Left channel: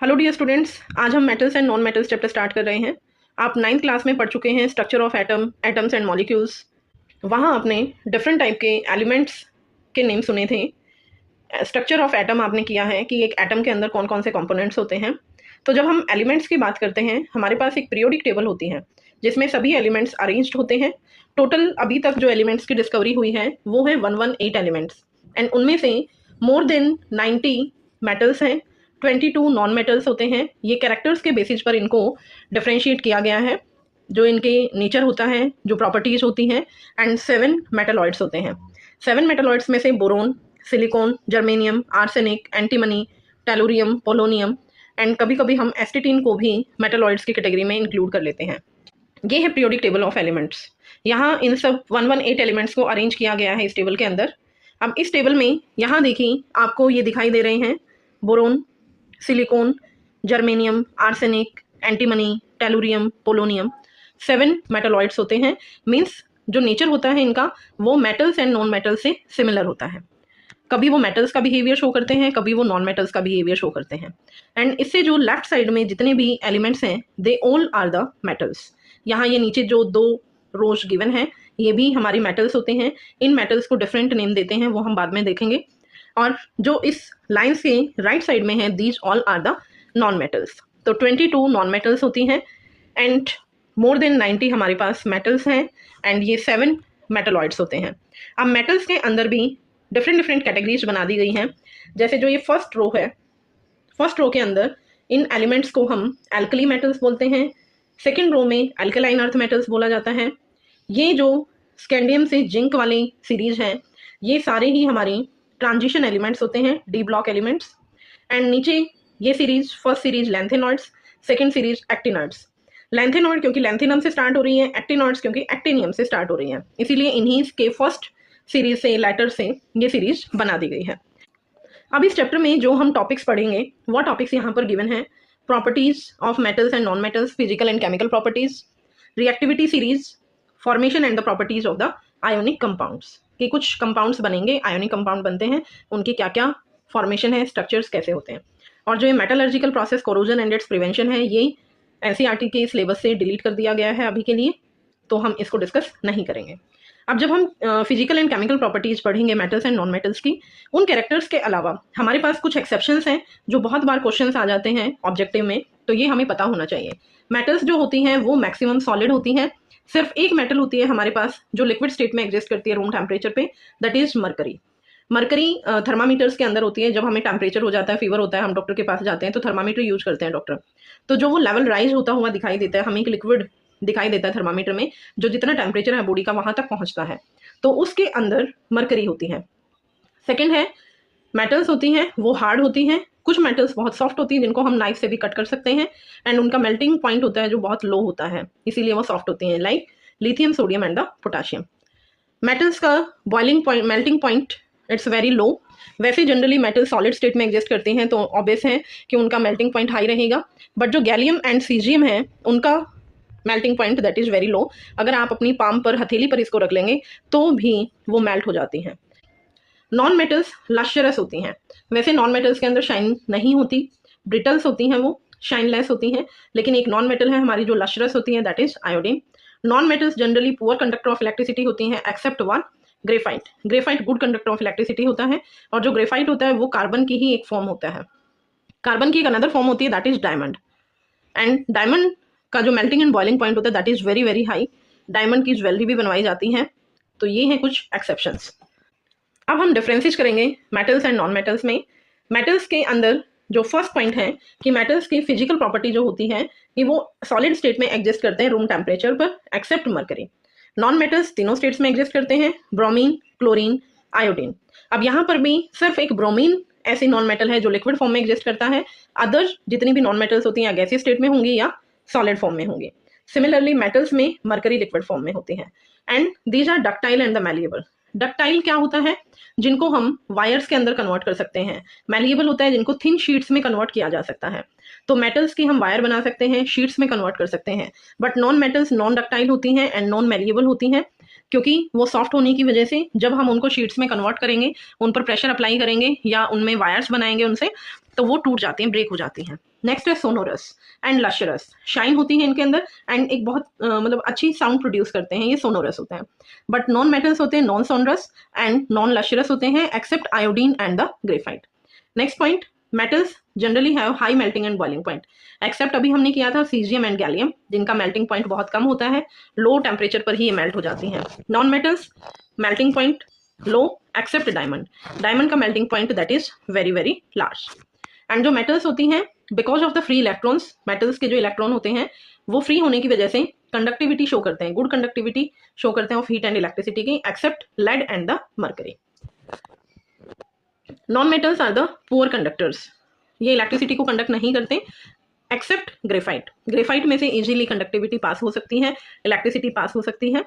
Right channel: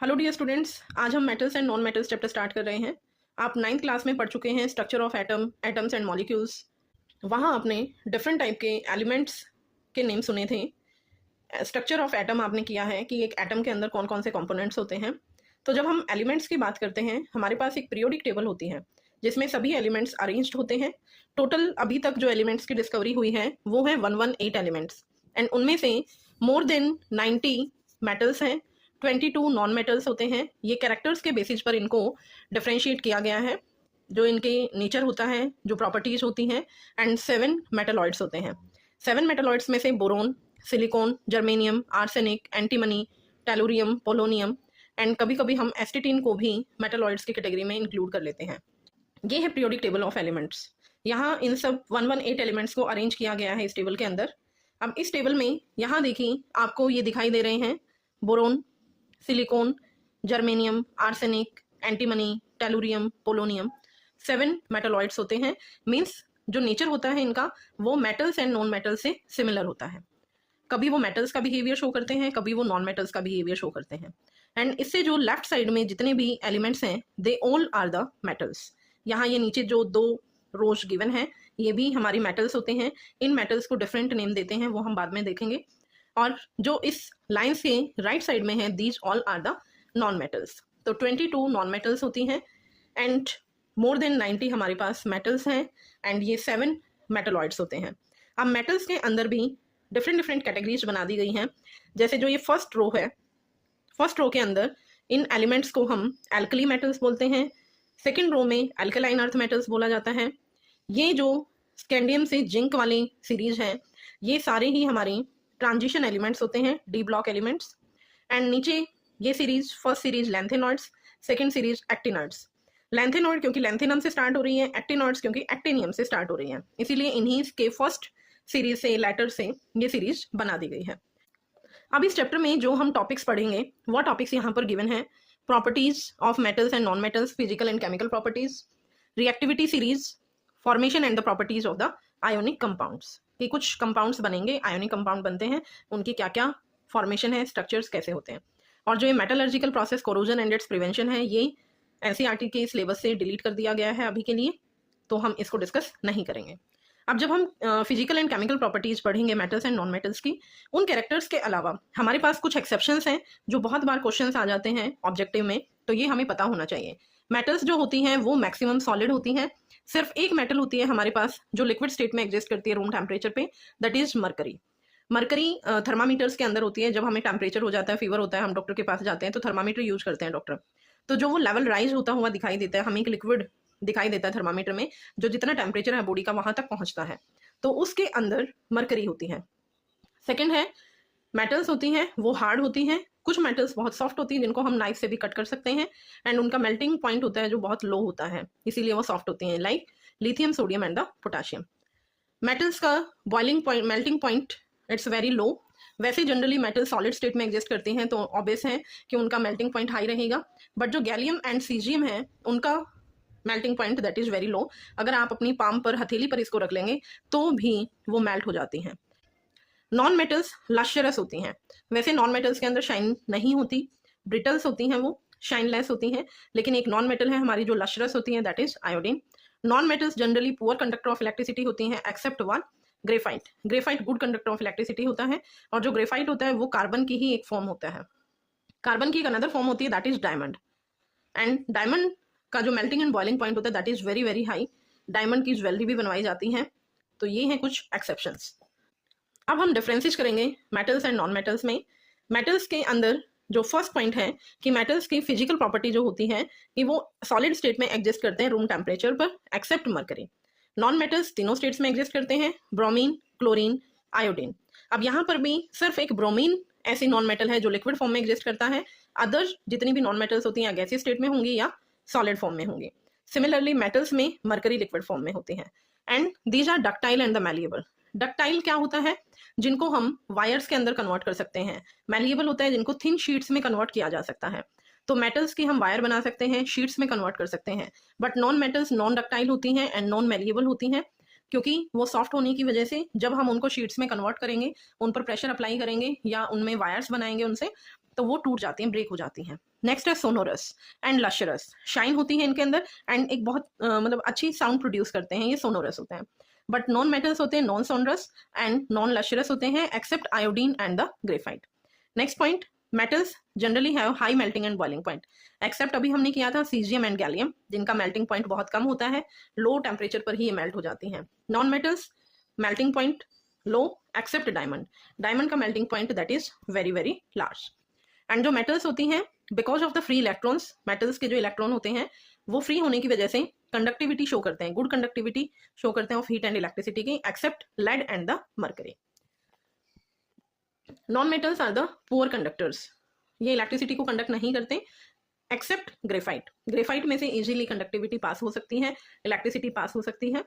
Hello dear students, आज हम metals and non metals chapter start कर रहे हैं। आप 9th क्लास में पढ़ चुके हैं structure of atoms and molecules. वहाँ आपने डिफरेंट टाइप के एलिमेंट्स के नेम सुने थे। स्ट्रक्चर ऑफ एटम आपने किया है कि एक एटम के अंदर कौन कौन से कंपोनेंट्स होते हैं। तो जब हम एलिमेंट्स की बात करते हैं, हमारे पास एक पीरियोडिक टेबल होती है जिसमें सभी एलिमेंट्स अरेंज्ड होते हैं। टोटल अभी तक जो एलिमेंट्स की डिस्कवरी हुई है वो है 118 एलिमेंट्स, एंड उनमें से मोर देन 90 मेटल्स हैं, 22 नॉन मेटल्स होते हैं। ये कैरेक्टर्स के बेसिस पर इनको डिफ्रेंशिएट किया गया है, जो इनके नेचर होता है, जो प्रॉपर्टीज होती हैं, एंड 7 मेटलॉइड्स होते हैं। 7 मेटलॉइड्स में से boron, silicon, germanium, arsenic, antimony, tellurium, polonium, and कभी कभी हम एस्टेटिन को भी मेटलॉइड्स की कैटेगरी में इंक्लूड कर लेते हैं। ये है पीरियोडिक टेबल ऑफ एलिमेंट्स। यहाँ इन सब 118 एलिमेंट्स को अरेंज किया गया है इस टेबल के अंदर। अब इस टेबल में यहाँ देखिए आपको ये दिखाई दे रहे हैं boron, silicon, germanium, arsenic, antimony, tellurium, polonium. 7 metalloids होते हैं। मीन्स जो नेचर होता है इनका वो मेटल्स एंड नॉन मेटल्स से सिमिलर होता है। कभी वो मेटल्स का बिहेवियर शो करते हैं, कभी वो नॉन मेटल्स का बिहेवियर शो करते हैं। एंड इससे जो लेफ्ट साइड में जितने भी एलिमेंट्स हैं they all are the metals. यहाँ ये नीचे जो 2 रोज गिवन है ये भी हमारी मेटल्स होते हैं। इन मेटल्स को डिफरेंट नेम देते हैं, वो हम बाद में देखेंगे। और जो इस लाइन्स के राइट साइड में है these all are the non metals. तो 22 नॉन मेटल्स होती हैं एंड मोर देन 90 हमारे पास मेटल्स हैं, एंड ये 7 मेटलॉइड्स होते हैं। अब मेटल्स के अंदर भी डिफरेंट कैटेगरीज बना दी गई हैं। जैसे जो ये फर्स्ट रो है, फर्स्ट रो के अंदर इन एलिमेंट्स को हम एल्कली मेटल्स बोलते हैं। सेकेंड रो में एल्कलाइन अर्थ मेटल्स बोला जाता है। ये जो स्कैंडियम से जिंक वाली सीरीज हैं ये सारे ही हमारी ट्रांजिशन एलिमेंट्स होते हैं, डी ब्लॉक एलिमेंट्स। एंड नीचे ये series, first series lanthanoids, second series actinoids. Lanthanoid क्योंकि लैंथेनम से स्टार्ट हो रही है, एक्टिनॉइड्स क्योंकि एक्टिनियम से स्टार्ट हो रही है, इसीलिए इन्हीं के फर्स्ट सीरीज से, लेटर से ये सीरीज बना दी गई है। अब इस चैप्टर में जो हम टॉपिक्स पढ़ेंगे वो टॉपिक्स यहाँ पर गिवन है। Properties of metals and non metals, physical and chemical properties, reactivity series, formation and the properties of the ionic compounds. कि कुछ कंपाउंड्स बनेंगे, आयोनिक कंपाउंड बनते हैं, उनकी क्या क्या फॉर्मेशन है, स्ट्रक्चर्स कैसे होते हैं। और जो ये metallurgical process corrosion and it's prevention है ये एनसीईआरटी के सिलेबस से डिलीट कर दिया गया है अभी के लिए, तो हम इसको डिस्कस नहीं करेंगे। अब जब हम फिजिकल एंड केमिकल प्रॉपर्टीज पढ़ेंगे मेटल्स एंड नॉन मेटल्स की, उन कैरेक्टर्स के अलावा हमारे पास कुछ एक्सेप्शंस हैं जो बहुत बार क्वेश्चंस आ जाते हैं ऑब्जेक्टिव में, तो ये हमें पता होना चाहिए। मेटल्स जो होती हैं वो मैक्सिमम सॉलिड होती हैं। सिर्फ एक मेटल होती है हमारे पास जो लिक्विड स्टेट में एग्जिस्ट करती है रूम टेम्परेचर पे, that is mercury. Mercury thermometers के अंदर होती है। जब हमें टेम्परेचर हो जाता है, फीवर होता है, हम डॉक्टर के पास जाते हैं तो थर्मामीटर यूज करते हैं डॉक्टर। तो जो वो लेवल राइज होता हुआ दिखाई देता है, हमें एक लिक्विड दिखाई देता है थर्मामीटर में, जो जितना टेम्परेचर है बॉडी का वहां तक पहुंचता है, तो उसके अंदर मरकरी होती है। सेकेंड है मेटल्स होती हैं वो हार्ड होती हैं। कुछ मेटल्स बहुत सॉफ्ट होती हैं जिनको हम नाइफ से भी कट कर सकते हैं, एंड उनका मेल्टिंग पॉइंट होता है जो बहुत लो होता है, इसीलिए वो सॉफ्ट होती हैं, like lithium, sodium and the potassium. Metals का boiling point, melting point it's very low. वैसे जनरली मेटल सॉलिड स्टेट में एग्जिस्ट करते हैं तो ऑब्वियस है कि उनका मेल्टिंग पॉइंट हाई रहेगा, बट जो गैलियम एंड सीजियम है उनका melting point that is very low. अगर आप अपनी पाम पर, हथेली पर इसको रख लेंगे तो भी वो मेल्ट हो जाती हैं। नॉन मेटल्स लश्चरस होती हैं। वैसे नॉन मेटल्स के अंदर शाइन नहीं होती, ब्रिटल्स होती हैं, वो शाइनलेस होती हैं, लेकिन एक नॉन मेटल है हमारी जो लश्चरस होती है, that is iodine. Non metals generally poor conductor of electricity होती हैं except one, graphite. Graphite good conductor of electricity होता है, और जो ग्रेफाइट होता है वो कार्बन की ही एक फॉर्म होता है। कार्बन की एक अनदर फॉर्म होती है that is diamond, and diamond का जो मेल्टिंग एंड बॉइलिंग पॉइंट होता है that is very very high. Diamond की ज्वेलरी भी बनवाई जाती हैं। तो ये हैं कुछ एक्सेप्शंस। अब हम डिफरेंसेस करेंगे मेटल्स एंड नॉन मेटल्स में। मेटल्स के अंदर जो फर्स्ट पॉइंट है कि मेटल्स की फिजिकल प्रॉपर्टी जो होती है कि वो सॉलिड स्टेट में एग्जिस्ट करते हैं रूम टेम्परेचर पर एक्सेप्ट मरकरी। नॉन मेटल्स तीनों स्टेट्स में एग्जिस्ट करते हैं, ब्रोमीन, क्लोरीन, आयोडीन। अब यहाँ पर भी सिर्फ एक ब्रोमीन ऐसी नॉन मेटल है जो लिक्विड फॉर्म में एग्जिस्ट करता है। अदर जितनी भी नॉन मेटल्स होती हैं या गैसीय स्टेट में होंगी या सॉलिड फॉर्म में होंगी। सिमिलरली मेटल्स में मरकरी लिक्विड फॉर्म में होती है, and these are ductile and the malleable. Ductile क्या होता है? जिनको हम वायर्स के अंदर कन्वर्ट कर सकते हैं। मैलिएबल होता है जिनको थिन शीट्स में कन्वर्ट किया जा सकता है। तो मेटल्स की हम वायर बना सकते हैं, शीट्स में कन्वर्ट कर सकते हैं, but non metals non ductile होती हैं एंड नॉन मैलिएबल होती हैं, क्योंकि वो सॉफ्ट होने की वजह से जब हम उनको शीट्स में कन्वर्ट करेंगे, उन पर प्रेशर अप्लाई करेंगे या उनमें वायर्स बनाएंगे उनसे, तो वो टूट जाती हैं, ब्रेक हो जाती हैं। नेक्स्ट है सोनोरस एंड लशरस, शाइन होती है इनके अंदर एंड एक बहुत मतलब अच्छी साउंड प्रोड्यूस करते हैं, ये सोनोरस होते हैं। बट नॉन मेटल्स होते हैं non sonorous and non lustrous होते हैं except iodine and the graphite. Next point, metals generally have high melting and boiling point except अभी हमने किया था सीजियम एंड गैलियम, जिनका मेल्टिंग पॉइंट बहुत कम होता है, लो टेम्परेचर पर ही ये मेल्ट हो जाती हैं। नॉन मेटल्स मेल्टिंग पॉइंट लो एक्सेप्ट डायमंड, डायमंड का melting point that is very very large. And जो मेटल्स होती हैं because of the free electrons, metals के जो इलेक्ट्रॉन होते हैं वो फ्री होने की वजह से कंडक्टिविटी शो करते हैं, गुड कंडक्टिविटी शो करते हैं ऑफ हीट एंड इलेक्ट्रिसिटी की except lead and the mercury. Non metals are the poor conductors, ये इलेक्ट्रिसिटी को कंडक्ट नहीं करते एक्सेप्ट ग्रेफाइट, ग्रेफाइट में से इजीली कंडक्टिविटी पास हो सकती है, इलेक्ट्रिसिटी पास हो सकती है।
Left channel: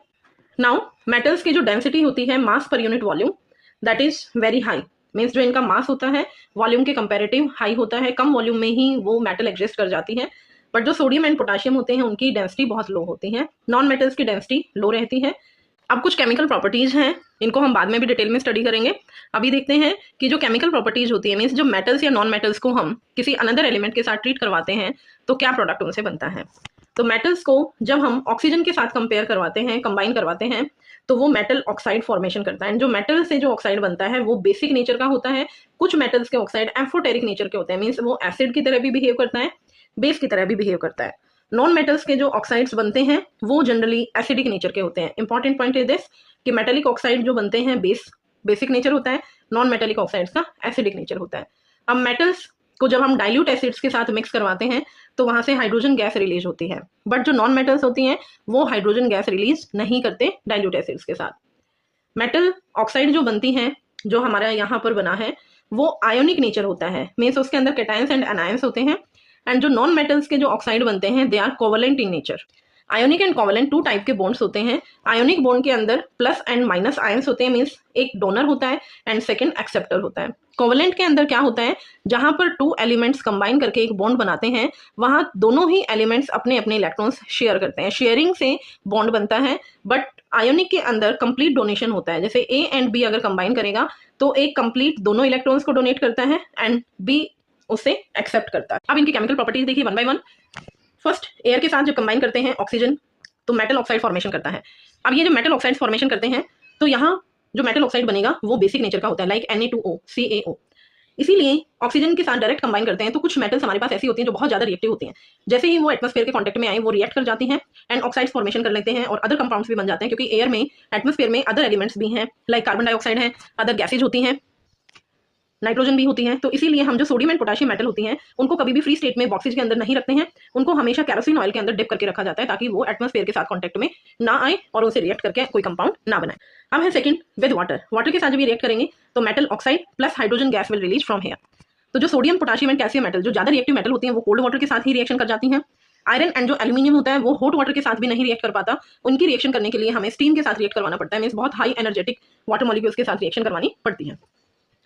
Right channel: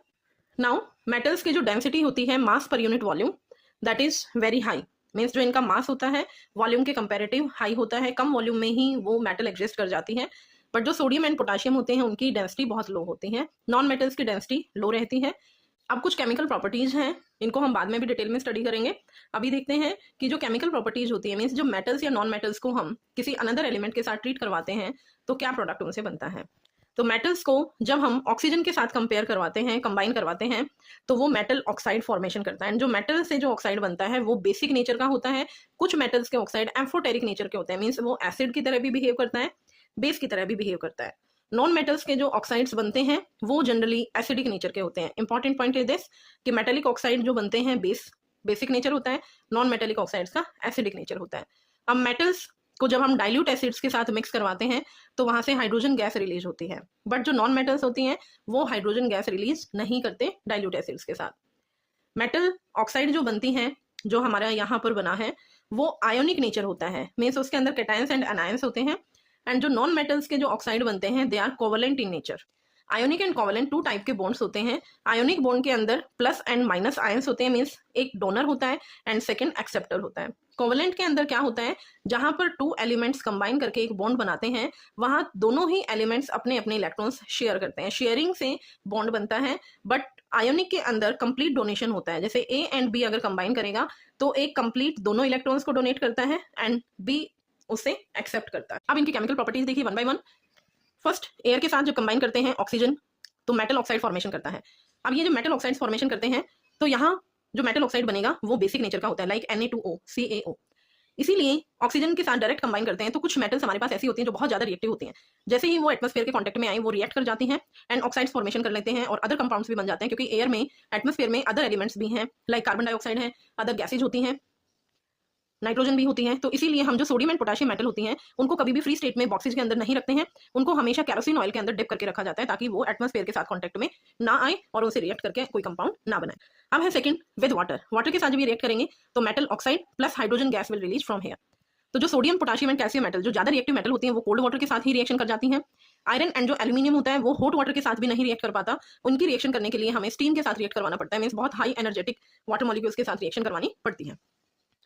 नाउ मेटल्स की जो डेंसिटी होती है मास पर unit volume that is very high, means जो इनका मास होता है वॉल्यूम के कंपैरेटिव हाई होता है, कम वॉल्यूम में ही वो मेटल एग्जिस्ट कर जाती है। बट जो सोडियम एंड पोटाशियम होते हैं उनकी डेंसिटी बहुत लो होती है, नॉन मेटल्स की डेंसिटी लो रहती है। अब कुछ केमिकल प्रॉपर्टीज हैं, इनको हम बाद में भी डिटेल में स्टडी करेंगे। अभी देखते हैं कि जो केमिकल प्रॉपर्टीज होती है मीन्स जो मेटल्स या नॉन मेटल्स को हम किसी अनदर एलिमेंट के साथ ट्रीट करवाते हैं तो क्या प्रोडक्ट उनसे बनता है। तो मेटल्स को जब हम ऑक्सीजन के साथ कंपेयर करवाते हैं, कंबाइन करवाते हैं, तो वो मेटल ऑक्साइड फॉर्मेशन करता है। जो मेटल से जो ऑक्साइड बनता है वो बेसिक नेचर का होता है, कुछ मेटल्स के ऑक्साइड एम्फोटेरिक नेचर के होते हैं, मीन्स वो एसिड की तरह भी बिहेव करता है, बेस की तरह भी बिहेव करता है। नॉन मेटल्स के जो ऑक्साइड्स बनते हैं वो जनरली एसिडिक नेचर के होते हैं। इंपॉर्टेंट पॉइंट इज दिस कि मेटेलिक ऑक्साइड जो बनते हैं बेसिक नेचर होता है, नॉन मेटेलिक ऑक्साइड्स का एसिडिक नेचर होता है। अब मेटल्स को जब हम डाइल्यूट एसिड्स के साथ मिक्स करवाते हैं तो वहां से हाइड्रोजन गैस रिलीज होती है, बट जो नॉन मेटल्स होती हैं वो हाइड्रोजन गैस रिलीज नहीं करते डाइल्यूट एसिड्स के साथ। मेटल ऑक्साइड जो बनती हैं, जो हमारा यहाँ पर बना है, वो आयोनिक नेचर होता है, मीन्स उसके अंदर कैटायंस एंड एनायंस होते हैं। एंड जो नॉन मेटल्स के जो ऑक्साइड बनते हैं they are covalent in nature. Ionic and covalent two type के बॉन्ड्स होते हैं। आयोनिक बॉन्ड के अंदर प्लस एंड माइनस आयंस होते हैं, मीन्स एक डोनर होता है एंड सेकंड एक्सेप्टर होता है। कोवलेंट के अंदर क्या होता है, जहां पर टू एलिमेंट्स कंबाइन करके एक बॉन्ड बनाते हैं वहां दोनों ही एलिमेंट्स अपने अपने इलेक्ट्रॉन्स शेयर करते हैं, शेयरिंग से बॉन्ड बनता है। बट आयोनिक के अंदर कंप्लीट डोनेशन होता है, जैसे ए एंड बी अगर कंबाइन करेगा तो एक कंप्लीट दोनों इलेक्ट्रॉन्स को डोनेट करता है एंड बी उसे एक्सेप्ट करता है। अब इनकी केमिकल प्रॉपर्टीज देखिए one by one. First, air के साथ जब कंबाइन करते हैं ऑक्सीजन तो मेटल ऑक्साइड फॉर्मेशन करता है। अब ये जो मेटल ऑक्साइड फॉर्मेशन करते हैं तो यहाँ जो मेटल ऑक्साइड बनेगा वो बेसिक नेचर का होता है, लाइक Na2O CaO। इसीलिए ऑक्सीजन के साथ डायरेक्ट कंबाइन करते हैं तो कुछ मेटल्स हमारे पास ऐसी होती हैं जो बहुत ज्यादा रिएक्टिव होती हैं, जैसे ही वो एटमॉस्फेयर के कांटेक्ट में आए वो रिएक्ट कर जाती हैं एंड ऑक्साइड्स फॉर्मेशन कर लेते हैं और अदर कंपाउंड्स भी बन जाते हैं, क्योंकि एयर में एटमॉस्फेयर में अदर एलिमेंट्स भी हैं, लाइक कार्बन डाइऑक्साइड है, अदर गैसेज होती हैं, नाइट्रोजन भी होती है। तो इसीलिए हम जो सोडियम एंड पोटेशियम मेटल होती हैं उनको कभी भी फ्री स्टेट में बॉक्सेज के अंदर नहीं रखते हैं, उनको हमेशा कैरोसिन ऑयल के अंदर डिप करके रखा जाता है ताकि वो एटमॉस्फेयर के साथ कांटेक्ट में ना आए और उनसे रिएक्ट करके कोई कंपाउंड ना बनाए। अब है सेकंड, विद वाटर। वाटर के साथ जब ये रिएक्ट करेंगे तो metal oxide plus hydrogen gas will release from here. तो जो sodium potassium and calcium metal जो ज्यादा रिएक्टिव मेटल होती हैं वो कोल्ड वाटर के साथ ही रिएक्शन कर जाती हैं। आयरन एंड जो एल्यूमिनियम होता है वो हॉट वाटर के साथ भी नहीं रिएक्ट कर पाता, उनकी रिएक्शन करने के लिए हमें स्टीम के साथ रिएक्ट करवाना पड़ता है, मींस बहुत हाई एनर्जेटिक वाटर मॉलिक्यूल्स के साथ रिएक्शन करवानी पड़ती है।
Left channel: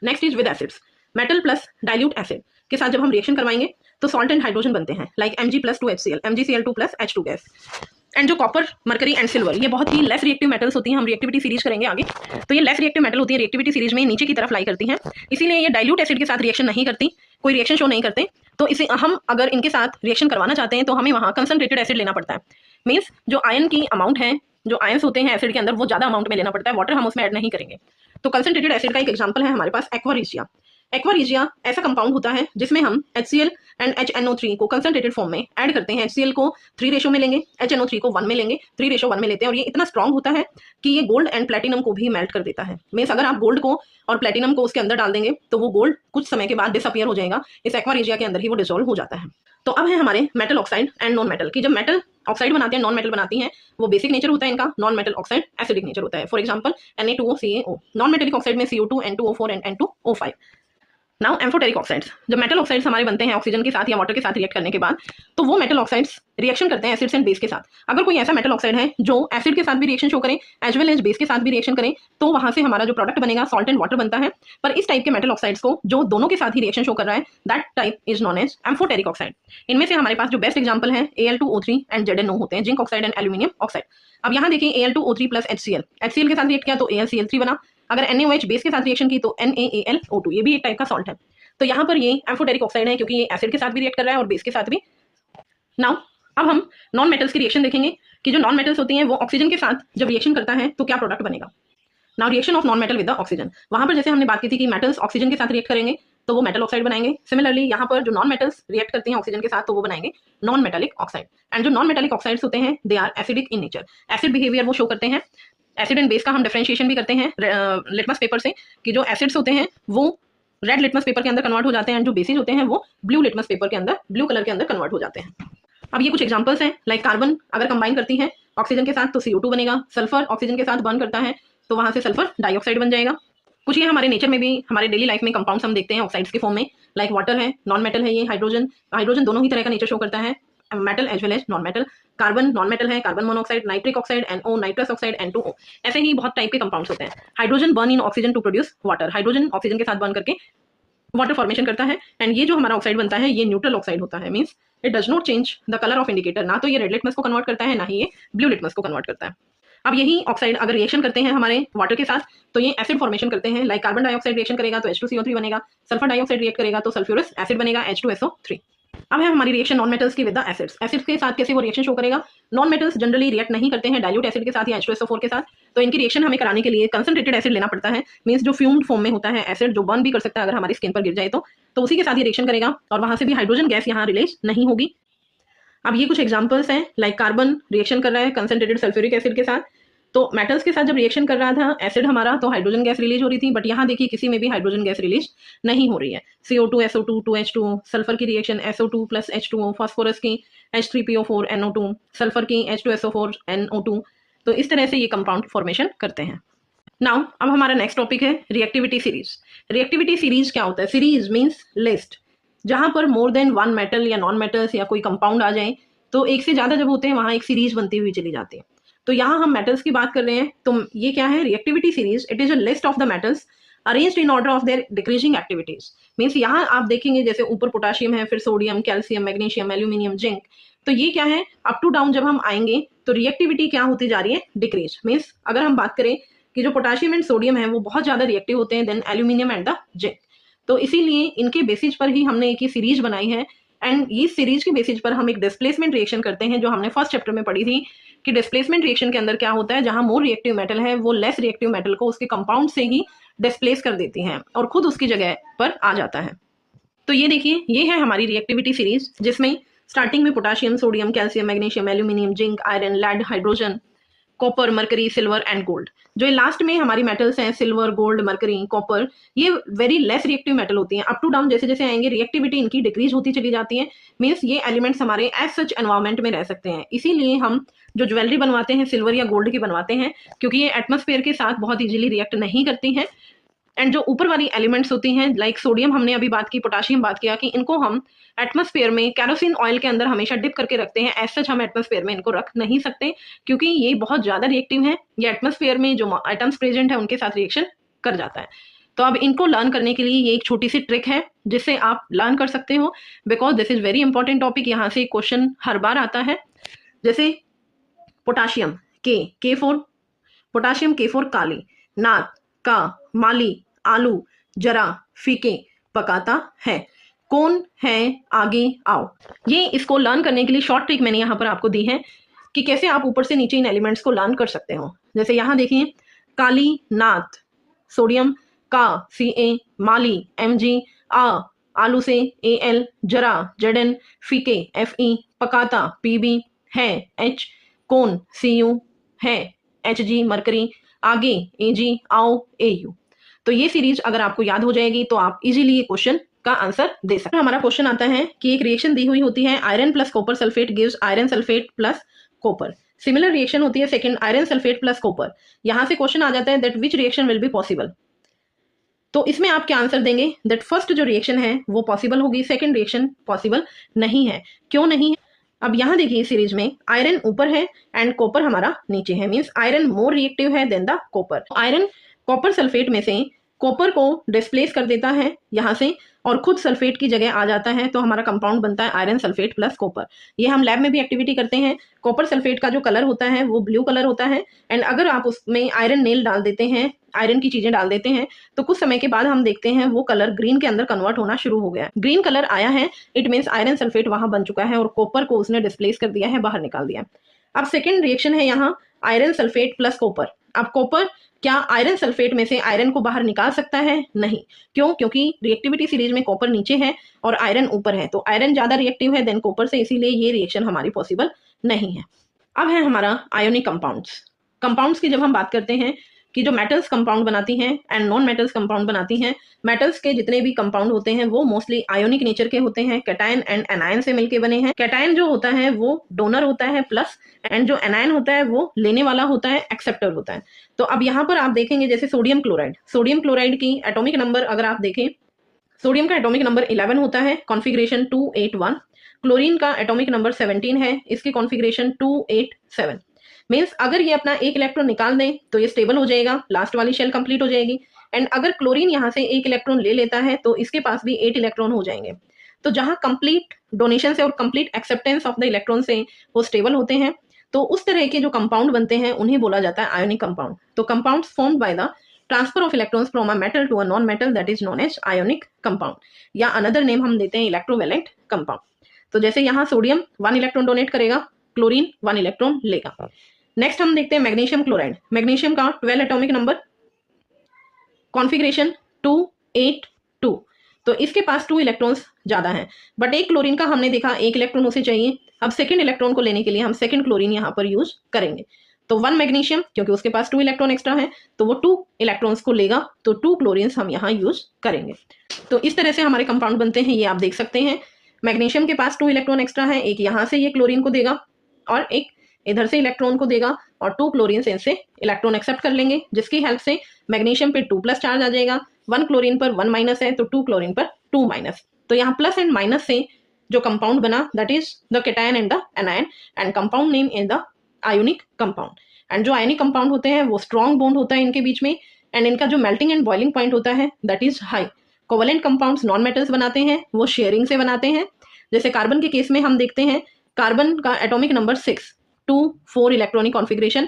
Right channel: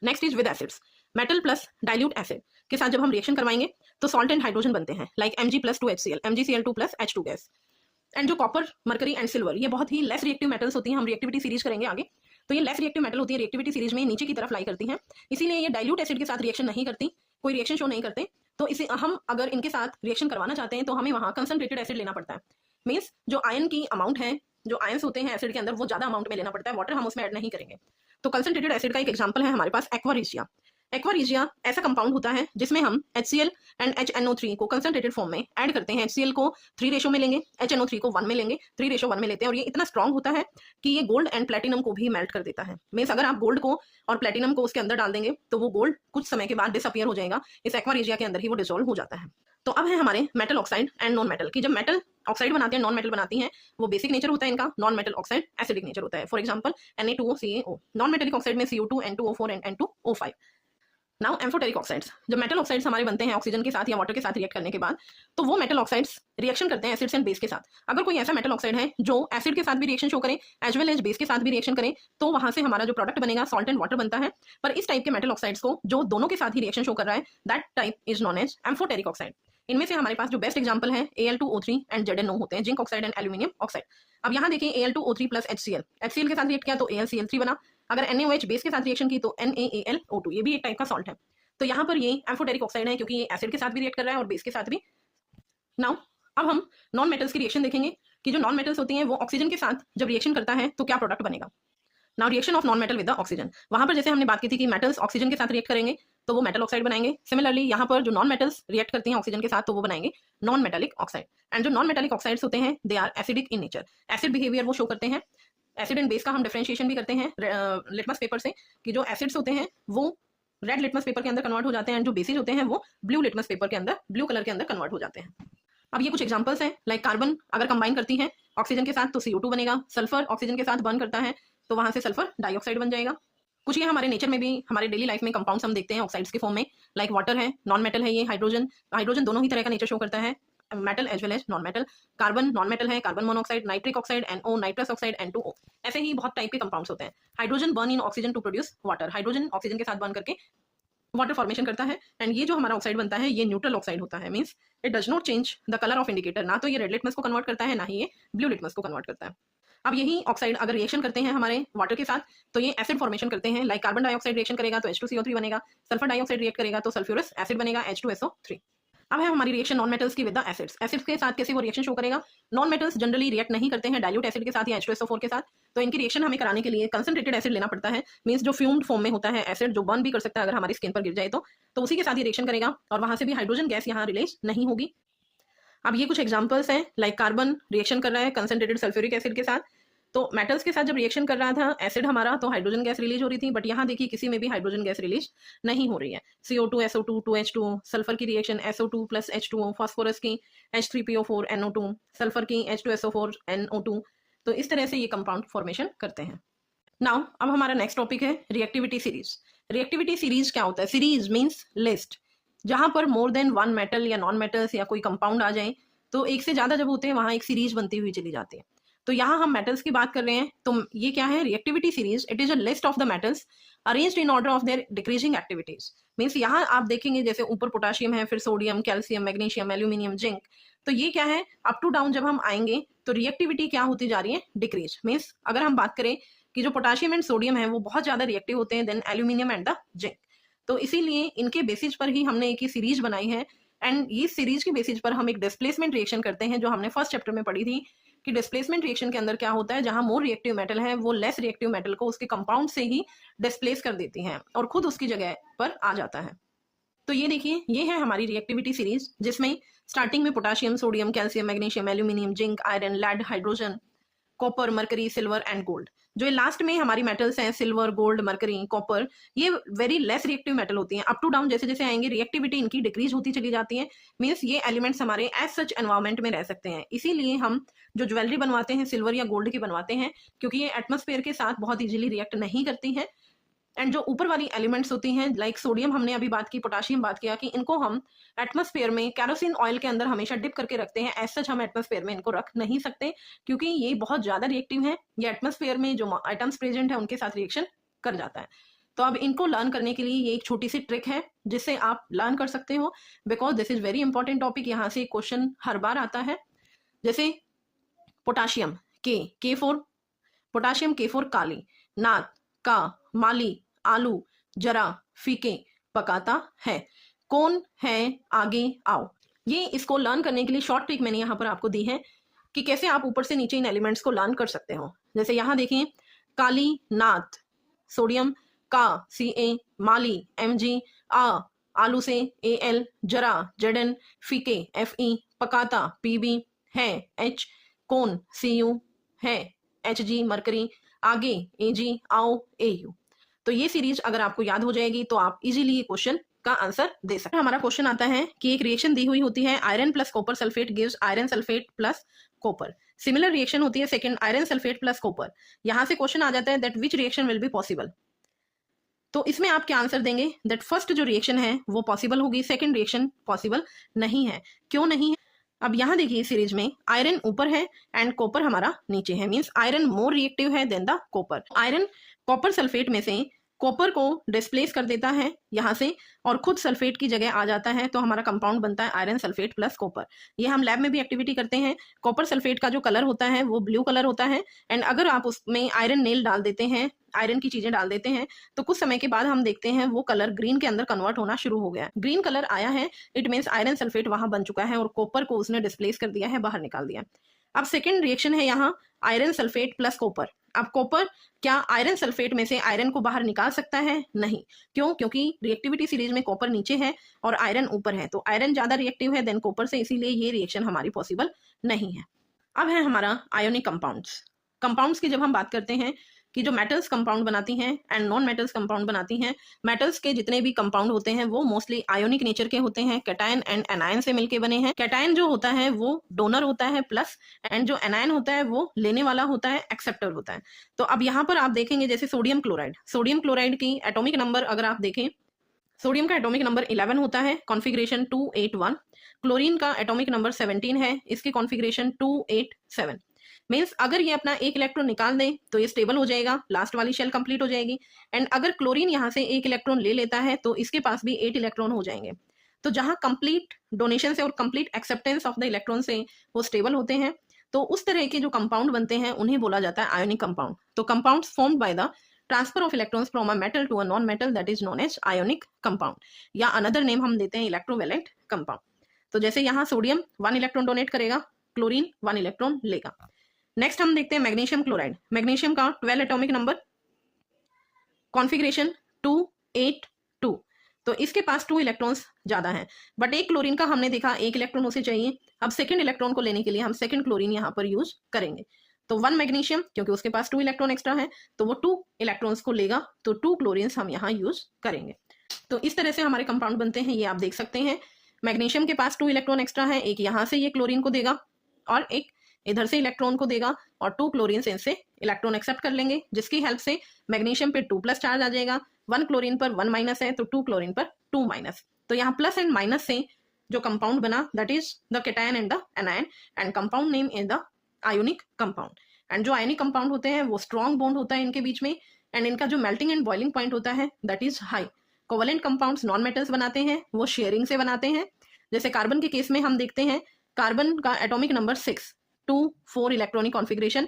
Next is with acids. Metal plus dilute acid के साथ जब हम रिएक्शन करवाएंगे तो सॉल्ट एंड हाइड्रोजन बनते हैं, like Mg+2HCl, MgCl2 H2 gas. And जो कॉपर, मरकरी एंड सिल्वर ये बहुत ही लेस रिएक्टिव मेटल्स होती हैं, हम रिएक्टिविटी सीरीज करेंगे आगे। तो ये लेस रिएक्टिव मेटल होती है, रिएक्टिविटी सीरीज में नीचे की तरफ लाई करती हैं, इसीलिए ये डाइल्यूट एसिड के साथ रिएक्शन नहीं करती, कोई रिएक्शन शो नहीं करते। तो इसे हम अगर इनके साथ रिएक्शन करवाना चाहते हैं तो हमें वहाँ कंसनट्रेटेड एसिड लेना पड़ता है, मीन्स जो आयन की अमाउंट है, जो आयंस होते हैं एसिड के अंदर वो ज्यादा अमाउंट में लेना पड़ता है, वाटर हम उसमें ऐड नहीं करेंगे। तो कंसनट्रेटेड एसिड का एक एग्जाम्पल है हमारे पास एक्वा रिजिया। एक्वा रिजिया ऐसा कंपाउंड होता है जिसमें हम HCl एंड HNO3 को कंसनट्रेटेड फॉर्म में ऐड करते हैं। HCl को 3 रेशो में लेंगे, HNO3 को 1 में लेंगे, 3:1 में लेते हैं और ये इतना स्ट्रांग होता है कि ये गोल्ड एंड प्लेटिनम को भी मेल्ट कर देता है। मींस अगर आप गोल्ड को और प्लेटिनम को उसके अंदर डाल देंगे तो वो गोल्ड कुछ समय के बाद डिसअपियर हो जाएगा, इस एक्वा रिजिया के अंदर ही वो डिसॉल्व हो जाता है। तो अब है हमारे metal oxide and non metal की। जब मेटल ऑक्साइड बनाते हैं, नॉन मेटल बनाती हैं, वो बेसिक नेचर होता है इनका, non metal oxide acidic nature होता है। For example Na2O CaO। Non metallic oxide में CO2 N2O4 and N2O5। Now amphoteric oxides, जब मेटल ऑक्साइड्स हमारे बनते हैं ऑक्सीजन के साथ या वाटर के साथ रिएक्ट करने के बाद तो वो मेटल ऑक्साइड्स रिएक्शन करते हैं एसिड्स एंड बेस के साथ। अगर कोई ऐसा मेटल ऑक्साइड है जो एसिड के साथ भी रिएक्शन शो करें एज वेल एज बेस के साथ भी रिएक्शन करें तो वहां से हमारा जो प्रोडक्ट बनेगा सॉल्ट एंड वाटर बनता है। पर इस टाइप के मेटल ऑक्साइड्स को जो दोनों के साथ ही रिएक्शन शो कर रहा है that type is known as amphoteric oxide. इनमें से हमारे पास जो बेस्ट एग्जाम्पल है Al2O3 एंड ZnO होते हैं, zinc oxide and aluminium oxide. अब यहाँ देखिए Al2O3 प्लस HCl, HCl के साथ रिएक्ट किया तो AlCl3 बना, अगर NaOH बेस के साथ रिएक्शन की तो NaAlO2, ये भी एक टाइप का सॉल्ट है। तो यहाँ पर ये एम्फोटेरिक ऑक्साइड है क्योंकि ये एसिड के साथ भी रिएक्ट कर रहा है और बेस के साथ भी। नाउ अब हम नॉन मेटल्स की रिएक्शन देखेंगे कि जो नॉन मेटल्स होती हैं वो ऑक्सीजन के साथ जब रिएक्शन करता है तो क्या प्रोडक्ट बनेगा। Now reaction of non metal with the oxygen, वहां पर जैसे हमने बात की थी कि मेटल्स ऑक्सीजन के साथ रिएक्ट करेंगे तो वो मेटल ऑक्साइड बनाएंगे। सिमिलरली यहाँ पर जो नॉन मेटल्स रिएक्ट करती हैं ऑक्सीजन के साथ तो वो बनाएंगे नॉन मेटेलिक ऑक्साइड। एंड जो नॉन मेटेलिक ऑक्साइड्स होते हैं they are acidic in nature, acid behaviour वो शो करते हैं। एसिड एंड बेस का हम डिफरेंशिएशन भी करते हैं लिटमस पेपर से कि जो एसिड्स होते हैं वो रेड लिटमस पेपर के अंदर कन्वर्ट हो जाते हैं एंड जो बेसिस होते हैं वो ब्लू लिटमस पेपर के अंदर ब्लू कलर के अंदर कन्वर्ट हो जाते हैं। अब ये कुछ एग्जांपल्स हैं, लाइक कार्बन अगर कंबाइन करती है ऑक्सीजन के साथ तो CO2 बनेगा, सल्फर ऑक्सीजन के साथ बर्न करता है तो वहां से सल्फर डाइऑक्साइड बन जाएगा। कुछ ये हमारे नेचर में भी हमारे डेली लाइफ में कंपाउंड्स हम देखते हैं ऑक्साइड्स के फॉर्म में, लाइक वाटर है, नॉन मेटल है, ये हाइड्रोजन, हाइड्रोजन दोनों ही तरह का नेचर शो करता है, metal as well as non metal. Carbon non metal है, carbon monoxide, nitric oxide, NO, nitrous oxide, N2O, ऐसे ही बहुत टाइप के कंपाउंड्स होते हैं। Hydrogen burn in oxygen to produce water, hydrogen oxygen के साथ बर्न करके वाटर फॉर्मेशन करता है। एंड ये जो हमारा ऑक्साइड बनता है ये न्यूट्रल ऑक्साइड होता है, means it does not change the colour of indicator, ना तो ये रेड लिटमस को कन्वर्ट करता है ना ही ये ब्लू लिटमस को कन्वर्ट करता है। अब यही ऑक्साइड अगर रिएक्शन करते हैं हमारे वाटर के साथ तो ये एसिड फॉर्मेशन करते हैं, लाइक कार्बन डाइऑक्साइड रिएक्शन करेगा तो H2CO3 बनेगा, सल्फर डाइऑक्साइड रिएक्ट करेगा तो सल्फ्यूरस एसिड बनेगा H2SO3। अब है हमारी रिएक्शन नॉन मेटल्स की विद द एसिड्स। एसिड्स के साथ कैसे वो रिएक्शन शो करेगा, नॉन मेटल्स जनरली रिएक्ट नहीं करते हैं डाइल्यूट एसिड के साथ या H2SO4 के साथ, तो इनकी रिएक्शन हमें कराने के लिए कंसंट्रेटेड एसिड लेना पड़ता है, मींस जो फ्यूम्ड फॉर्म में होता है एसिड जो बर्न भी कर सकता है अगर हमारी स्किन पर गिर जाए तो उसी के साथ ये रिएक्शन करेगा और वहां से भी हाइड्रोजन गैस यहाँ रिलीज नहीं होगी। अब ये कुछ एग्जांपल्स हैं, लाइक कार्बन रिएक्शन कर रहा है कंसंट्रेटेड सल्फ्यूरिक एसिड के साथ, तो मेटल्स के साथ जब रिएक्शन कर रहा था एसिड हमारा तो हाइड्रोजन गैस रिलीज हो रही थी, बट यहाँ देखिए किसी में भी हाइड्रोजन गैस रिलीज नहीं हो रही है। CO2 SO2 2H2O, सल्फर की reaction SO2 plus H2O, phosphorus की H3PO4 NO2, सल्फर की H2SO4 NO2, तो इस तरह से ये कंपाउंड फॉर्मेशन करते हैं। नाउ अब हमारा नेक्स्ट टॉपिक है रिएक्टिविटी सीरीज। रिएक्टिविटी सीरीज क्या होता है, सीरीज मीन्स लिस्ट, जहां पर मोर देन वन मेटल या नॉन मेटल्स या कोई कंपाउंड आ जाए तो एक से ज्यादा जब होते हैं वहां एक सीरीज बनती हुई चली जाती है। तो यहाँ हम मेटल्स की बात कर रहे हैं तो ये क्या है reactivity series, it is a list of the metals arranged in order of their decreasing activities. Means यहाँ आप देखेंगे जैसे ऊपर पोटाशियम है, फिर sodium, calcium, magnesium, aluminium, zinc, तो ये क्या है अप टू डाउन जब हम आएंगे तो रिएक्टिविटी क्या होती जा रही है, डिक्रीज। मीन्स अगर हम बात करें कि जो पोटाशियम एंड सोडियम है वो बहुत ज्यादा रिएक्टिव होते हैं then aluminium and the zinc, तो इसीलिए इनके बेसिस पर ही हमने एक ही सीरीज बनाई है। एंड इस सीरीज के बेसिस पर हम एक डिस्प्लेसमेंट रिएक्शन करते हैं जो हमने फर्स्ट चैप्टर में पढ़ी थी कि डिस्प्लेसमेंट रिएक्शन के अंदर क्या होता है, जहां मोर रिएक्टिव मेटल है वो लेस रिएक्टिव मेटल को उसके कंपाउंड से ही डिस्प्लेस कर देती हैं और खुद उसकी जगह पर आ जाता है। तो ये देखिए ये है हमारी रिएक्टिविटी सीरीज जिसमें स्टार्टिंग में potassium, sodium, calcium, magnesium, aluminium, zinc, iron, lead, hydrogen, copper, mercury, silver and gold. जो लास्ट में हमारी मेटल्स हैं सिल्वर, गोल्ड, मरकरी, कॉपर, ये वेरी लेस रिएक्टिव मेटल होती हैं। अप टू डाउन जैसे जैसे आएंगे रिएक्टिविटी इनकी डिक्रीज होती चली जाती है, मीन्स ये एलिमेंट्स हमारे एज सच एनवायरमेंट में रह सकते हैं। इसीलिए हम जो ज्वेलरी बनवाते हैं सिल्वर या गोल्ड की बनवाते हैं क्योंकि ये एटमॉस्फेयर के साथ बहुत इजीली रिएक्ट नहीं करती हैं। एंड जो ऊपर वाली एलिमेंट्स होती हैं लाइक सोडियम हमने अभी बात की, पोटाशियम बात किया कि इनको हम एटमॉस्फेयर में कैरोसिन ऑयल के अंदर हमेशा डिप करके रखते हैं, एज सच हम एटमॉस्फेयर में इनको रख नहीं सकते क्योंकि ये बहुत ज़्यादा रिएक्टिव हैं। ये एटमॉस्फेयर में जो आइटम्स प्रेजेंट है उनके साथ रिएक्शन कर जाता है। तो अब इनको लर्न करने के लिए ये एक छोटी सी ट्रिक है जिससे आप लर्न कर सकते हो, because this is very important topic. यहाँ से क्वेश्चन हर बार आता है। जैसे पोटाशियम K4, पोटाशियम K4 काली, नात का, माली, आलू, जरा, फीके, पकाता है, कौन है, आगे आओ। ये इसको लर्न करने के लिए शॉर्ट ट्रिक मैंने यहाँ पर आपको दी है कि कैसे आप ऊपर से नीचे इन एलिमेंट्स को लर्न कर सकते हो। जैसे यहाँ देखिए काली, नात, सोडियम का, Ca, माली, Mg, आलू से Al, जरा, Zn, फीके, Fe, पकाता, Pb, है H, कौन Cu, है Hg, मरकरी, आगे Ag, आओ Au। तो ये सीरीज अगर आपको याद हो जाएगी तो आप इजीली ये क्वेश्चन का आंसर दे सकते हैं। हमारा क्वेश्चन आता है कि एक रिएक्शन दी हुई होती है iron plus copper sulphate gives iron sulphate plus copper. Similar reaction होती है second iron sulphate plus copper. यहां से क्वेश्चन आ जाता है that which reaction will be possible. तो इसमें आप क्या आंसर देंगे, दैट फर्स्ट जो रिएक्शन है वो पॉसिबल होगी, सेकंड रिएक्शन पॉसिबल नहीं है। क्यों नहीं है? अब यहाँ देखिए सीरीज में आयरन ऊपर है एंड कॉपर हमारा नीचे है, मीन्स आयरन मोर रिएक्टिव है then the copper. Iron copper sulphate में से कॉपर को डिस्प्लेस कर देता है यहाँ से और खुद सल्फेट की जगह आ जाता है, तो हमारा कंपाउंड बनता है आयरन सल्फेट प्लस कॉपर। ये हम लैब में भी एक्टिविटी करते हैं। कॉपर सल्फेट का जो कलर होता है वो ब्लू कलर होता है, एंड अगर आप उसमें आयरन नेल डाल देते हैं, आयरन की चीजें डाल देते हैं, तो कुछ समय के बाद हम देखते हैं वो कलर ग्रीन के अंदर कन्वर्ट होना शुरू हो गया। ग्रीन कलर आया है, इट मीन्स आयरन सल्फेट वहां बन चुका है और कॉपर को उसने डिस्प्लेस कर दिया है, बाहर निकाल दिया। अब सेकेंड रिएक्शन है यहाँ आयरन सल्फेट प्लस कॉपर। अब कॉपर क्या आयरन सल्फेट में से आयरन को बाहर निकाल सकता है? नहीं। क्यों? क्योंकि रिएक्टिविटी सीरीज में कॉपर नीचे है और आयरन ऊपर है, तो आयरन ज्यादा रिएक्टिव है देन कॉपर से, इसीलिए ये रिएक्शन हमारी पॉसिबल नहीं है। अब है हमारा आयोनिक कंपाउंड्स। कंपाउंड्स की जब हम बात करते हैं कि जो मेटल्स कंपाउंड बनाती हैं एंड नॉन मेटल्स कंपाउंड बनाती हैं, मेटल्स के जितने भी कंपाउंड होते हैं वो मोस्टली आयोनिक नेचर के होते हैं, कैटायन एंड एनायन से मिलके बने हैं। कैटायन जो होता है वो डोनर होता है प्लस, एंड जो एनायन होता है वो लेने वाला होता है, एक्सेप्टर होता है। तो अब यहाँ पर आप देखेंगे जैसे सोडियम क्लोराइड की एटॉमिक नंबर अगर आप देखें, सोडियम का एटॉमिक नंबर 11 होता है, कॉन्फिगरेशन 281। क्लोरीन का एटॉमिक नंबर 17 है, इसकी कॉन्फिगरेशन 287। मीन्स अगर ये अपना एक इलेक्ट्रॉन निकाल दें तो ये स्टेबल हो जाएगा, लास्ट वाली शेल कंप्लीट हो जाएगी। एंड अगर क्लोरीन यहाँ से एक इलेक्ट्रॉन ले लेता है तो इसके पास भी 8 इलेक्ट्रॉन हो जाएंगे। तो जहां कंप्लीट डोनेशन से और complete acceptance of the electron से वो स्टेबल होते हैं, तो उस तरह के जो कंपाउंड बनते हैं उन्हें बोला जाता है आयोनिक कंपाउंड। तो compounds formed by the transfer of electrons from a metal to a non metal, that is known as ionic compound, या अनदर नेम हम देते हैं इलेक्ट्रोवैलेंट कंपाउंड। तो जैसे यहाँ सोडियम 1 इलेक्ट्रॉन डोनेट करेगा, क्लोरीन 1 इलेक्ट्रॉन लेगा। नेक्स्ट हम देखते हैं मैग्नीशियम क्लोराइड। मैग्नीशियम का 12 एटॉमिक नंबर, कॉन्फिगरेशन 282। तो इसके पास 2 इलेक्ट्रॉन्स ज्यादा हैं, बट एक क्लोरीन का हमने देखा 1 इलेक्ट्रॉन उसे चाहिए। अब सेकंड इलेक्ट्रॉन को लेने के लिए हम सेकंड क्लोरीन यहाँ पर यूज करेंगे। तो 1 मैग्नीशियम, क्योंकि उसके पास 2 इलेक्ट्रॉन एक्स्ट्रा है तो वो 2 इलेक्ट्रॉन्स को लेगा, तो 2 क्लोरीन्स हम यहाँ यूज करेंगे। तो इस तरह से हमारे कंपाउंड बनते हैं, ये आप देख सकते हैं। मैग्नीशियम के पास 2 इलेक्ट्रॉन एक्स्ट्रा है, एक यहाँ से ये क्लोरीन को देगा और एक इधर से इलेक्ट्रॉन को देगा, और 2 क्लोरीन से इनसे इलेक्ट्रॉन एक्सेप्ट कर लेंगे, जिसकी हेल्प से मैग्नीशियम पे 2 प्लस चार्ज आ जाएगा। 1 क्लोरीन पर 1 माइनस है तो 2 क्लोरीन पर 2 माइनस। तो यहाँ प्लस एंड माइनस से जो कंपाउंड बना that is the cation and the anion, and compound name is the ionic compound. And जो आयोनिक कंपाउंड होते हैं वो स्ट्रॉन्ग बॉन्ड होता है इनके बीच में, एंड इनका जो मेल्टिंग एंड बॉइलिंग पॉइंट होता है that is high. Covalent compounds non metals बनाते हैं, वो शेयरिंग से बनाते हैं। जैसे कार्बन के केस में हम देखते हैं, कार्बन का एटॉमिक नंबर 6, 2 4 इलेक्ट्रॉनिक कॉन्फिगरेशन।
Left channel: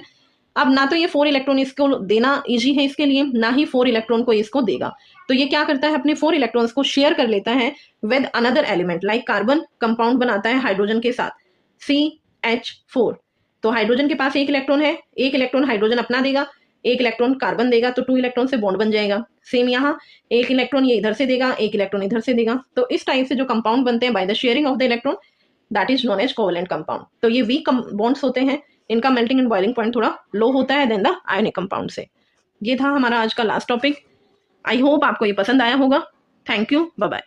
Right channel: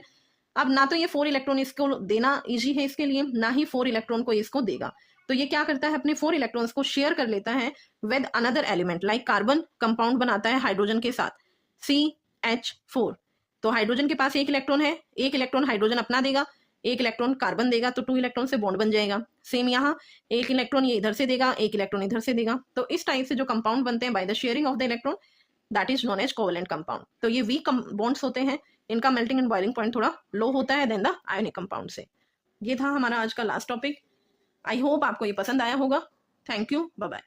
अब ना तो ये 4 इलेक्ट्रॉन इसको देना इजी है इसके लिए, ना ही 4 इलेक्ट्रॉन को इसको देगा, तो ये क्या करता है अपने 4 इलेक्ट्रॉन्स को शेयर कर लेता है with another element. Like carbon compound बनाता है हाइड्रोजन के साथ CH4, तो हाइड्रोजन के पास 1 इलेक्ट्रॉन है, 1 इलेक्ट्रॉन हाइड्रोजन अपना देगा, 1 इलेक्ट्रॉन कार्बन देगा, तो 2 इलेक्ट्रॉन से बॉन्ड बन जाएगा। सेम यहाँ 1 इलेक्ट्रॉन ये इधर से देगा, 1 इलेक्ट्रॉन इधर से देगा। तो इस टाइप से जो कंपाउंड बनते हैं by the sharing of the electron, that is known as covalent compound. तो ये वीक बॉन्ड्स होते हैं, इनका मेल्टिंग एंड बॉइलिंग पॉइंट थोड़ा लो होता है देन द आयोनिक कंपाउंड से। ये था हमारा आज का लास्ट टॉपिक। आई होप आपको ये पसंद आया होगा। Thank you, bye bye.